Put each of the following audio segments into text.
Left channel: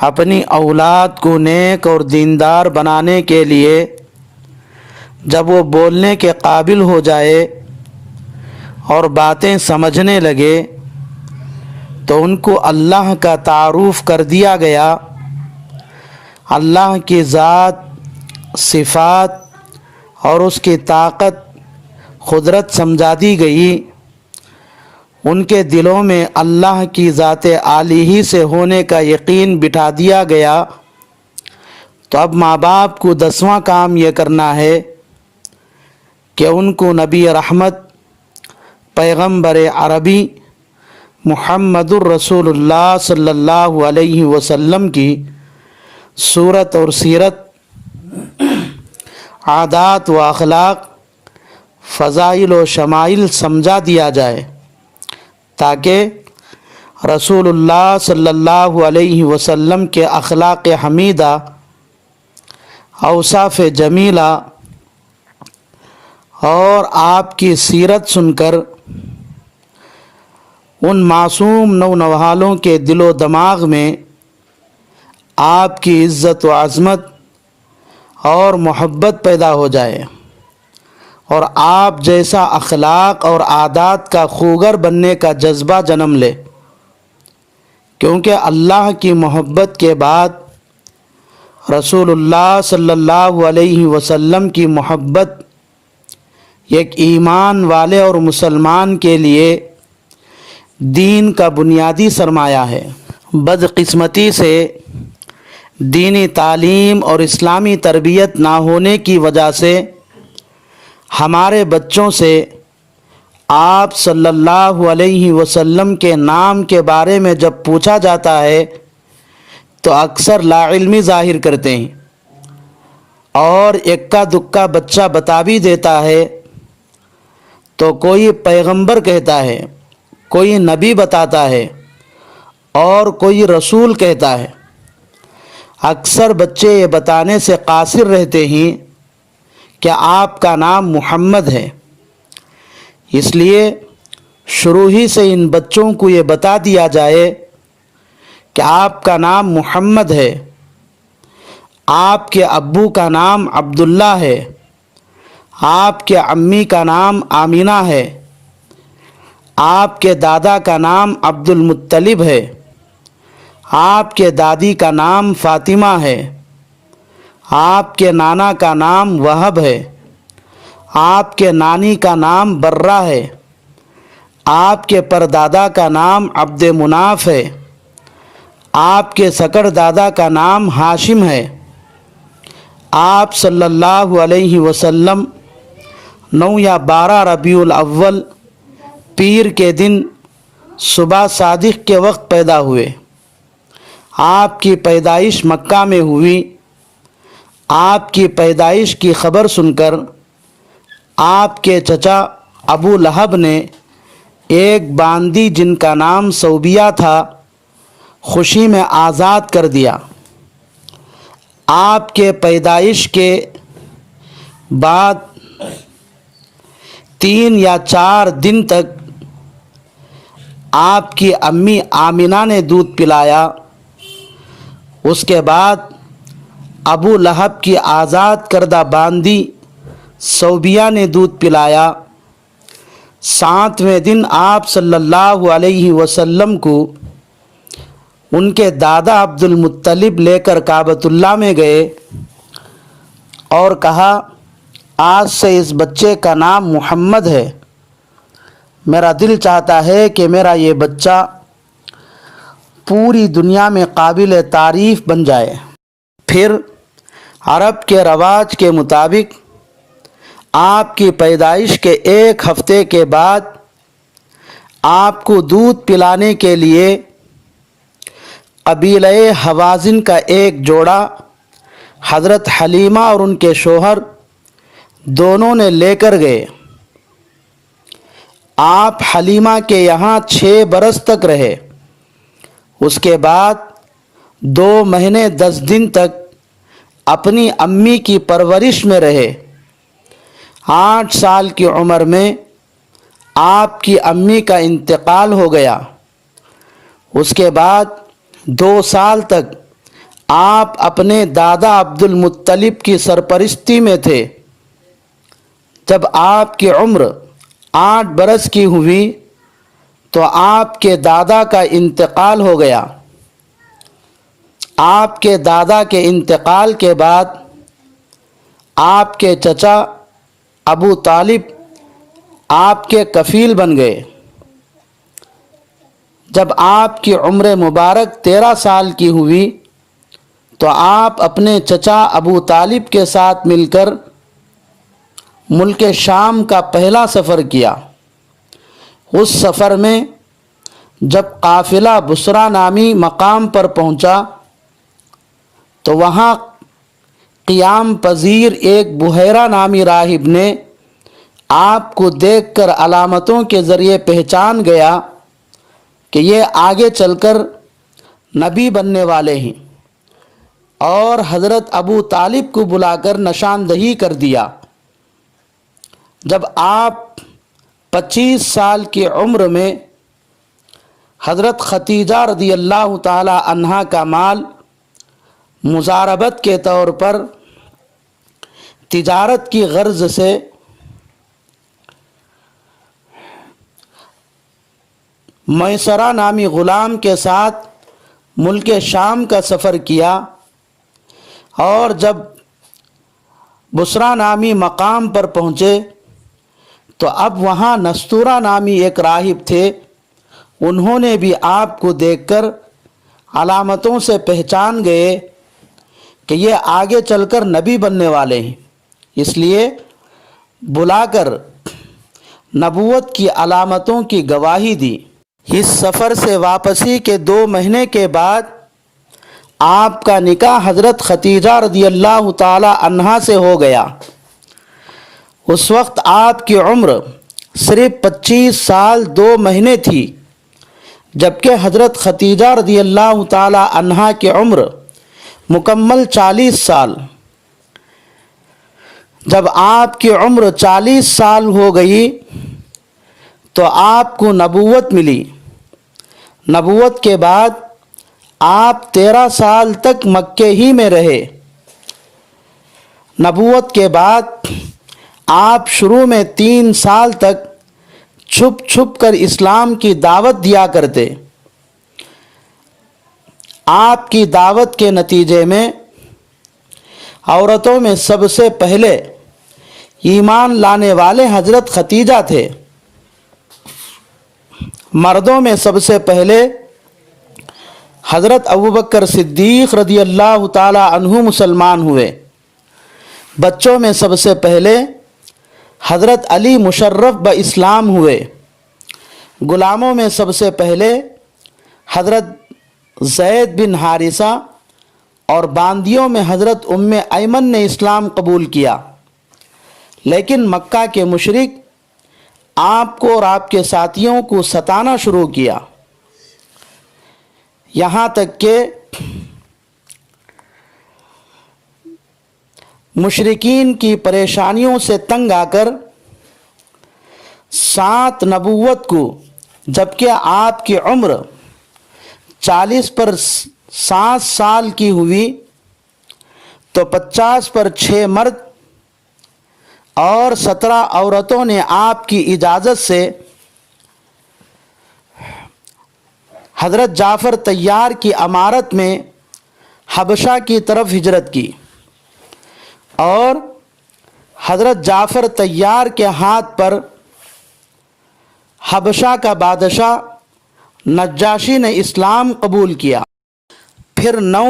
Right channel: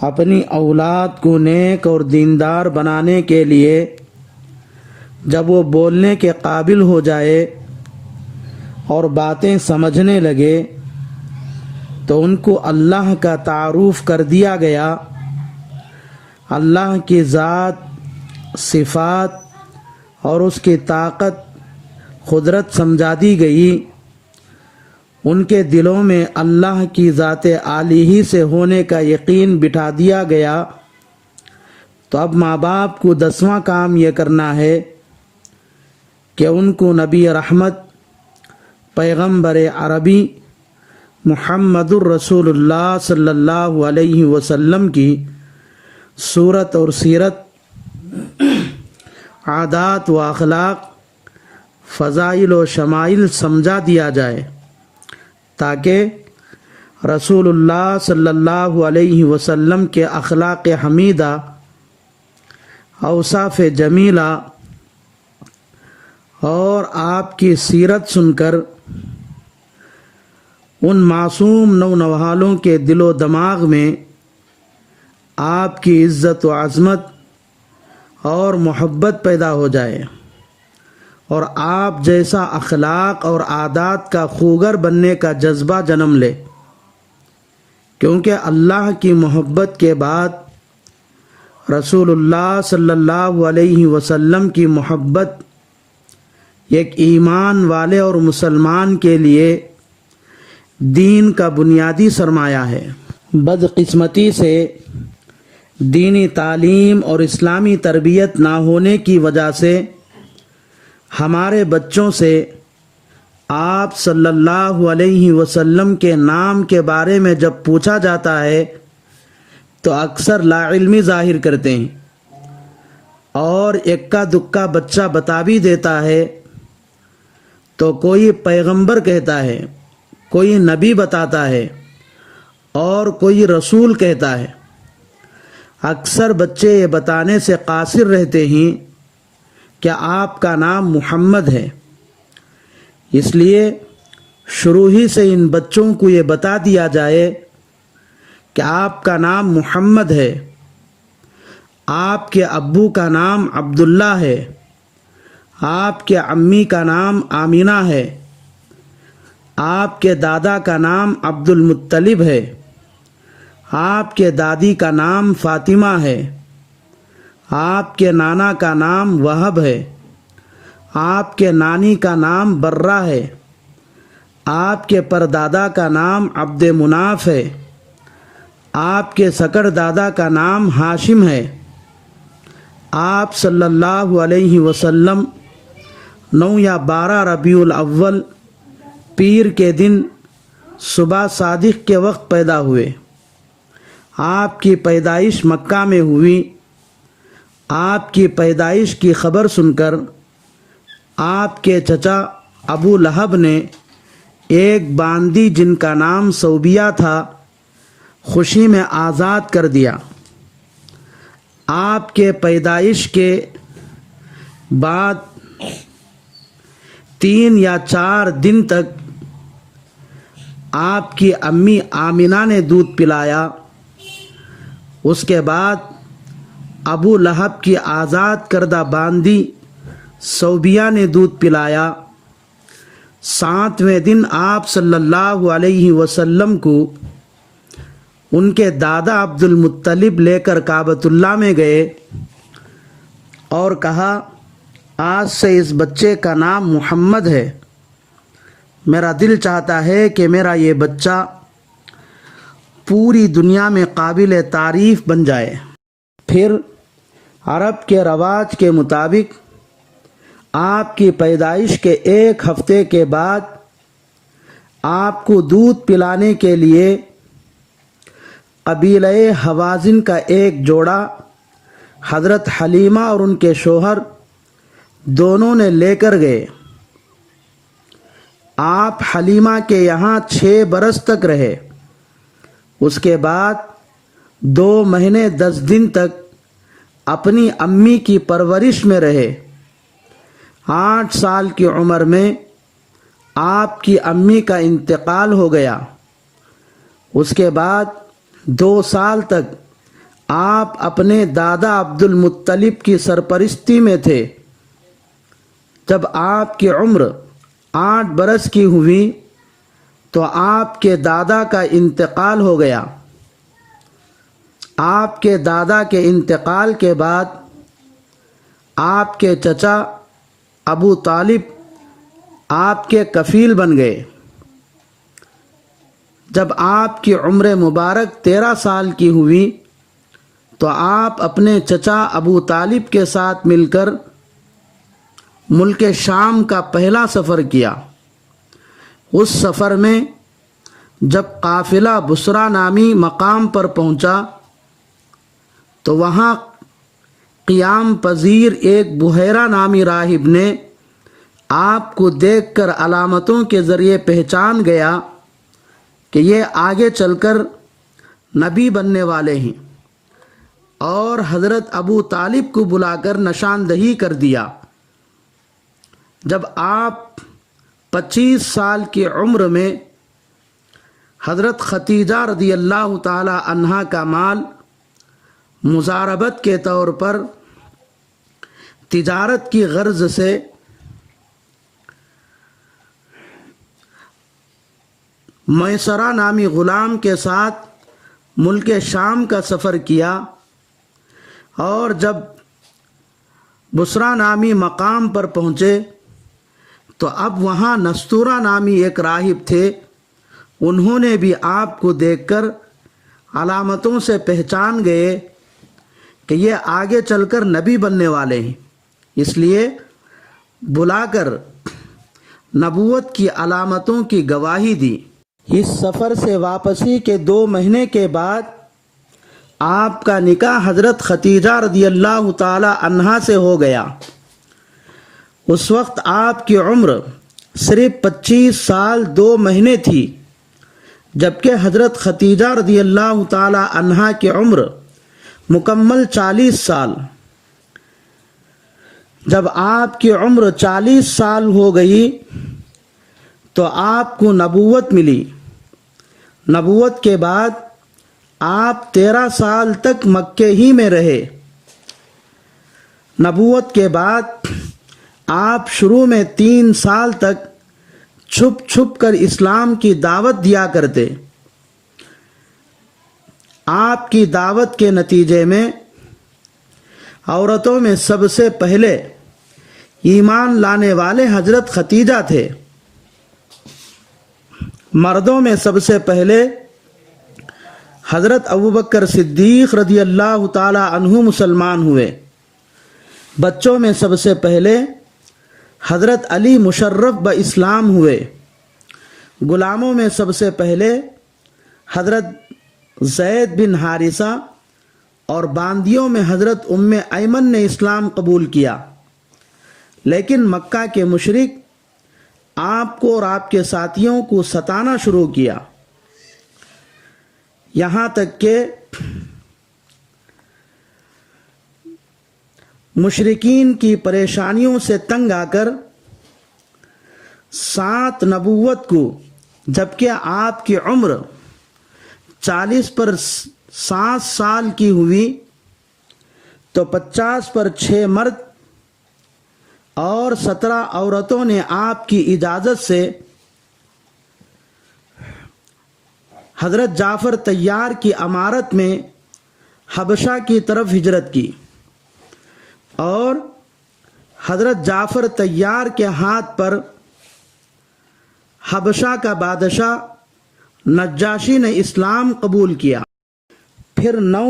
اپنی اولاد کو نیک اور دیندار بنانے کے لیے جب وہ بولنے کے قابل ہو جائے اور باتیں سمجھنے لگے تو ان کو اللہ کا تعارف کر دیا گیا، اللہ کی ذات، صفات اور اس کی طاقت، قدرت سمجھا دی گئی، ان کے دلوں میں اللہ کی ذات عالی ہی سے ہونے کا یقین بٹھا دیا گیا۔ تو اب ماں باپ کو 10واں کام یہ کرنا ہے کہ ان کو نبی رحمت، پیغمبر عربی محمد الرسول اللہ صلی اللہ علیہ وسلم کی صورت اور سیرت، عادات و اخلاق، فضائل و شمائل سمجھا دیا جائے، تاکہ رسول اللہ صلی اللہ علیہ وسلم کے اخلاق حمیدہ، اوصاف جمیلہ اور آپ کی سیرت سن کر ان معصوم نونہالوں کے دل و دماغ میں آپ کی عزت و عظمت اور محبت پیدا ہو جائے اور آپ جیسا اخلاق اور عادات کا خوگر بننے کا جذبہ جنم لے، کیونکہ اللہ کی محبت کے بعد رسول اللہ صلی اللہ علیہ وسلم کی محبت ایک ایمان والے اور مسلمان کے لیے دین کا بنیادی سرمایہ ہے۔ بدقسمتی سے دینی تعلیم اور اسلامی تربیت نہ ہونے کی وجہ سے ہمارے بچوں سے آپ صلی اللہ علیہ وسلم کے نام کے بارے میں جب پوچھا جاتا ہے تو اکثر لا علمی ظاہر کرتے ہیں، اور اکا دکا بچہ بتا بھی دیتا ہے تو کوئی پیغمبر کہتا ہے، کوئی نبی بتاتا ہے اور کوئی رسول کہتا ہے۔ اکثر بچے یہ بتانے سے قاصر رہتے ہیں کہ آپ کا نام محمد ہے۔ اس لیے شروع ہی سے ان بچوں کو یہ بتا دیا جائے کہ آپ کا نام محمد ہے، آپ کے ابو کا نام عبداللہ ہے، آپ کے امی کا نام آمینہ ہے، آپ کے دادا کا نام عبد المطلب ہے، آپ کے دادی کا نام فاطمہ ہے، آپ کے نانا کا نام وہب ہے، آپ کے نانی کا نام برہ ہے، آپ کے پردادا کا نام عبد مناف ہے، آپ کے سکر دادا کا نام ہاشم ہے۔ آپ صلی اللہ علیہ وسلم 9 یا 12 ربیع الاول پیر کے دن صبح صادق کے وقت پیدا ہوئے۔ آپ کی پیدائش مکہ میں ہوئی۔ آپ کی پیدائش کی خبر سن کر آپ کے چچا ابو لہب نے ایک باندی جن کا نام صوبیہ تھا خوشی میں آزاد کر دیا۔ آپ کے پیدائش کے بعد 3 یا 4 دن تک آپ کی امی آمینہ نے دودھ پلایا۔ اس کے بعد ابو لہب کی آزاد کردہ باندی صوبیہ نے دودھ پلایا۔ 7ویں دن آپ صلی اللہ علیہ وسلم کو ان کے دادا عبد المطلب لے کر کعبۃ اللہ میں گئے اور کہا، آج سے اس بچے کا نام محمد ہے۔ میرا دل چاہتا ہے کہ میرا یہ بچہ پوری دنیا میں قابل تعریف بن جائے۔ پھر عرب کے رواج کے مطابق آپ کی پیدائش کے 1 ہفتے کے بعد آپ کو دودھ پلانے کے لیے قبیلہ حوازن کا ایک جوڑا حضرت حلیمہ اور ان کے شوہر دونوں نے لے کر گئے۔ آپ حلیمہ کے یہاں 6 برس تک رہے۔ اس کے بعد 2 مہینے 10 دن تک اپنی امی کی پرورش میں رہے۔ 8 سال کی عمر میں آپ کی امی کا انتقال ہو گیا۔ اس کے بعد 2 سال تک آپ اپنے دادا عبد المطلب کی سرپرستی میں تھے۔ جب آپ کی عمر 8 برس کی ہوئی تو آپ کے دادا کا انتقال ہو گیا۔ آپ کے دادا کے انتقال کے بعد آپ کے چچا ابو طالب آپ کے کفیل بن گئے۔ جب آپ کی عمر مبارک 13 سال کی ہوئی تو آپ اپنے چچا ابو طالب کے ساتھ مل کر ملک شام کا پہلا سفر کیا۔ اس سفر میں جب قافلہ بصرہ نامی مقام پر پہنچا تو وہاں قیام پذیر ایک بحیرہ نامی راہب نے آپ کو دیکھ کر علامتوں کے ذریعے پہچان گیا کہ یہ آگے چل کر نبی بننے والے ہیں، اور حضرت ابو طالب کو بلا کر نشاندہی کر دیا۔ جب آپ 25 سال کی عمر میں حضرت ختیجہ رضی اللہ تعالی عنہا کا مال مزاربت کے طور پر تجارت کی غرض سے میسرہ نامی غلام کے ساتھ ملک شام کا سفر کیا، اور جب بصرہ نامی مقام پر پہنچے تو اب وہاں نستورہ نامی ایک راہب تھے۔ انہوں نے بھی آپ کو دیکھ کر علامتوں سے پہچان گئے کہ یہ آگے چل کر نبی بننے والے ہیں، اس لیے بلا کر نبوت کی علامتوں کی گواہی دی۔ اس سفر سے واپسی کے 2 مہینے کے بعد آپ کا نکاح حضرت ختیجہ رضی اللہ تعالی عنہا سے ہو گیا۔ اس وقت آپ کی عمر صرف 25 سال 2 مہینے تھی، جبکہ حضرت ختیجہ رضی اللہ تعالی عنہا کی عمر مکمل 40 سال۔ جب آپ کی عمر 40 سال ہو گئی تو آپ کو نبوت ملی۔ نبوت کے بعد آپ 13 سال تک مکے ہی میں رہے۔ نبوت کے بعد آپ شروع میں 3 سال تک چھپ چھپ کر اسلام کی دعوت دیا کرتے۔ آپ کی دعوت کے نتیجے میں عورتوں میں سب سے پہلے ایمان لانے والے حضرت ختیجہ تھے۔ مردوں میں سب سے پہلے حضرت ابوبکر صدیق رضی اللہ تعالی عنہ مسلمان ہوئے۔ بچوں میں سب سے پہلے حضرت علی مشرف اسلام ہوئے۔ غلاموں میں سب سے پہلے حضرت زید بن حارثہ، اور باندیوں میں حضرت ام ایمن نے اسلام قبول کیا۔ لیکن مکہ کے مشرک آپ کو اور آپ کے ساتھیوں کو ستانا شروع کیا، یہاں تک کہ مشرکین کی پریشانیوں سے تنگ آ کر ساتھ نبوت کو، جبکہ آپ کی عمر 40 پر 7 سال کی ہوئی تو 50 پر 6 مرد اور 17 عورتوں نے آپ کی اجازت سے حضرت جعفر طیار کی امارت میں حبشہ کی طرف ہجرت کی، اور حضرت جعفر طیار کے ہاتھ پر حبشہ کا بادشاہ نجاشی نے اسلام قبول کیا۔ پھر 9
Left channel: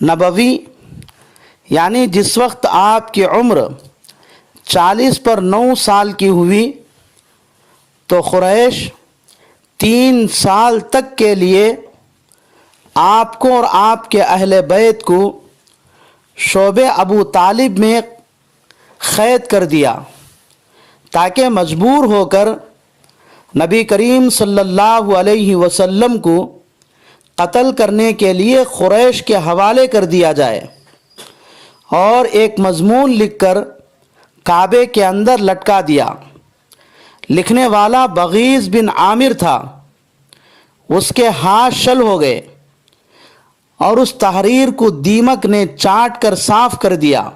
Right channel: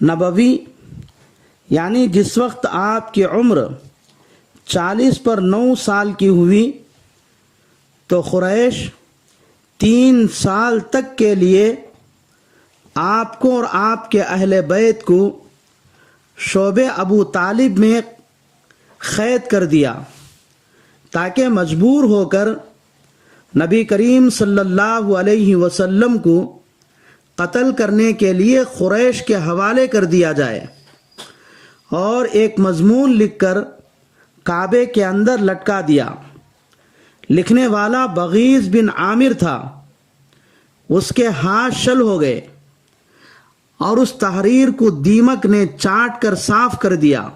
نبوی، یعنی جس وقت آپ کی عمر 40 پر 9 سال کی ہوئی تو قریش 3 سال تک کے لیے آپ کو اور آپ کے اہل بیت کو شعبہ ابو طالب میں قید کر دیا، تاکہ مجبور ہو کر نبی کریم صلی اللہ علیہ وسلم کو قتل کرنے کے لیے قریش کے حوالے کر دیا جائے، اور ایک مضمون لکھ کر کعبے کے اندر لٹکا دیا۔ لکھنے والا بغیض بن عامر تھا، اس کے ہاتھ شل ہو گئے، اور اس تحریر کو دیمک نے چاٹ کر صاف کر دیا۔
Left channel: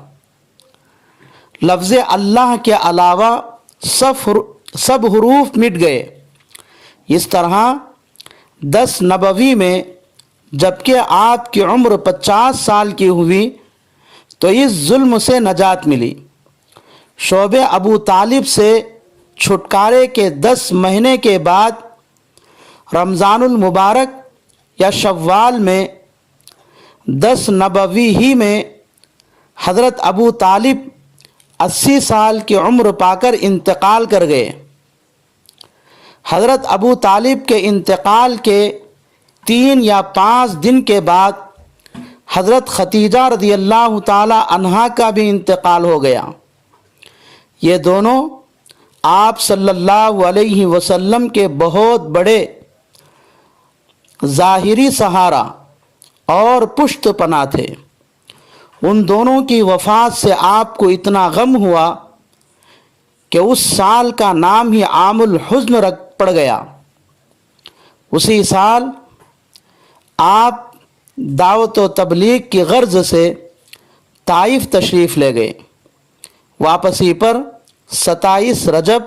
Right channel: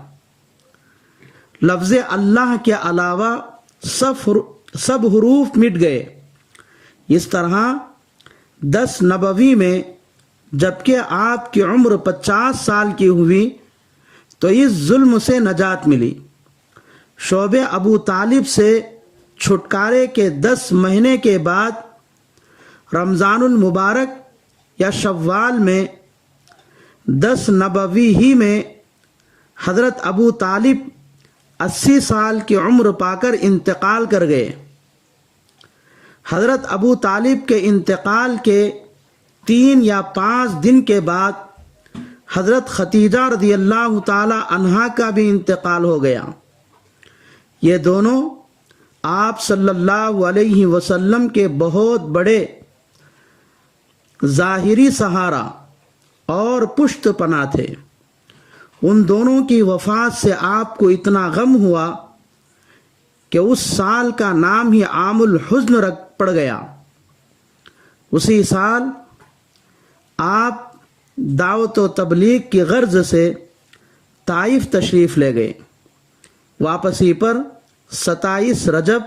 لفظ اللہ کے علاوہ سب حروف مٹ گئے۔ اس طرح 10 نبوی میں جبکہ آپ کی عمر 50 سال کی ہوئی تو اس ظلم سے نجات ملی۔ شعب ابو طالب سے چھٹکارے کے 10 مہینے کے بعد رمضان المبارک یا شوال میں 10 نبوی ہی میں حضرت ابو طالب 80 سال کی عمر پا کر انتقال کر گئے۔ حضرت ابو طالب کے انتقال کے 3 یا 5 دن کے بعد حضرت ختیجہ رضی اللہ تعالی عنہا کا بھی انتقال ہو گیا۔ یہ دونوں آپ صلی اللہ علیہ وسلم کے بہت بڑے ظاہری سہارا اور پشت پناہ تھے۔ ان دونوں کی وفات سے آپ کو اتنا غم ہوا کہ اس سال کا نام ہی عام الحزن رکھ پڑ گیا۔ اسی سال آپ دعوت و تبلیغ کی غرض سے طائف تشریف لے گئے۔ واپسی پر 27 رجب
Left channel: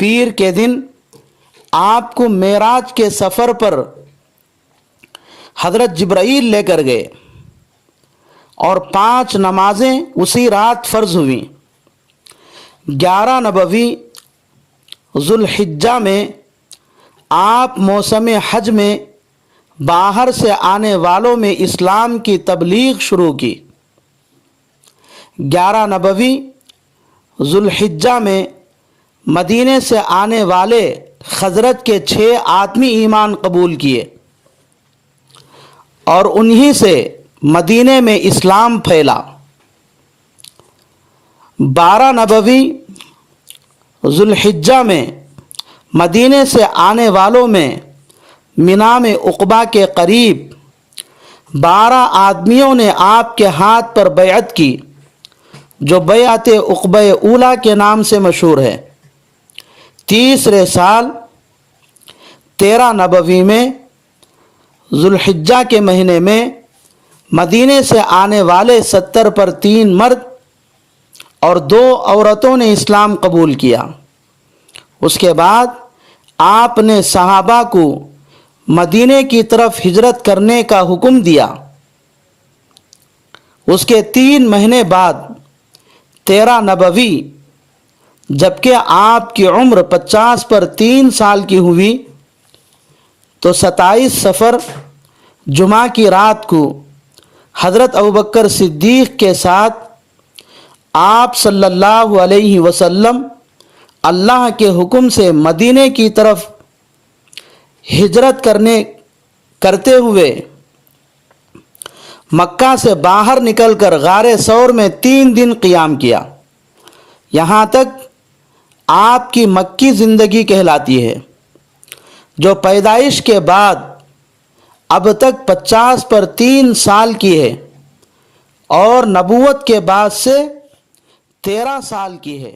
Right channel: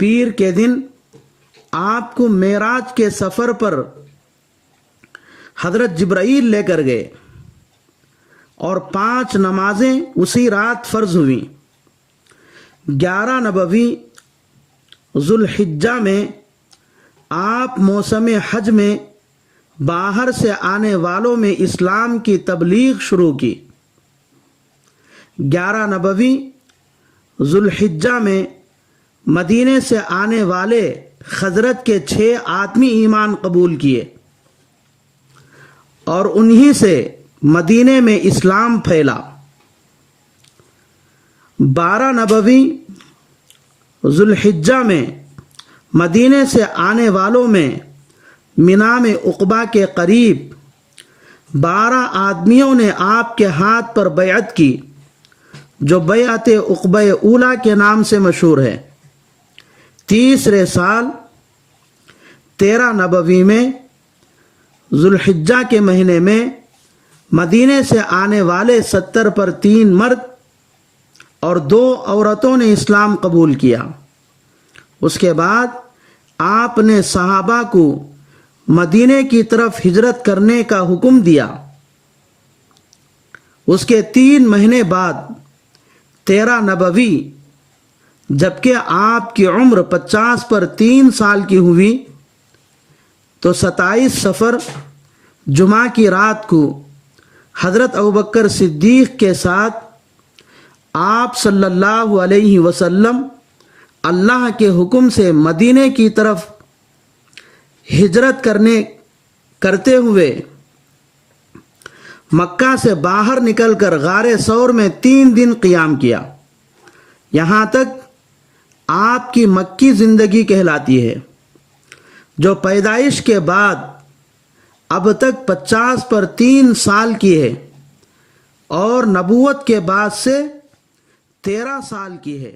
پیر کے دن آپ کو معراج کے سفر پر حضرت جبرائیل لے کر گئے اور 5 نمازیں اسی رات فرض ہوئیں۔ 11 نبوی ذوالحجہ میں آپ موسم حج میں باہر سے آنے والوں میں اسلام کی تبلیغ شروع کی۔ 11 نبوی ذوالحجہ میں مدینے سے آنے والے خزرج کے 6 آدمی ایمان قبول کیے اور انہی سے مدینے میں اسلام پھیلا۔ 12 نبوی ذوالحجہ میں مدینے سے آنے والوں میں مینا میں عقبہ کے قریب 12 آدمیوں نے آپ کے ہاتھ پر بیعت کی، جو بیعت عقبہ اولیٰ کے نام سے مشہور ہے۔ تیسرے سال 13 نبوی میں ذوالحجہ کے مہینے میں مدینے سے آنے والے 70 پر 3 مرد اور 2 عورتوں نے اسلام قبول کیا۔ اس کے بعد آپ نے صحابہ کو مدینے کی طرف ہجرت کرنے کا حکم دیا۔ اس کے 3 مہینے بعد 13 نبوی جبکہ آپ کی عمر 50 پر 3 سال کی ہوئی تو 27 صفر جمعہ کی رات کو حضرت ابوبکر صدیق کے ساتھ آپ صلی اللہ علیہ وسلم اللہ کے حکم سے مدینے کی طرف ہجرت کرتے ہوئے مکہ سے باہر نکل کر غار ثور میں 3 دن قیام کیا۔ یہاں تک آپ کی مکی زندگی کہلاتی ہے، جو پیدائش کے بعد اب تک 50 پر 3 سال کی ہے اور نبوت کے بعد سے 13 سال کی ہے۔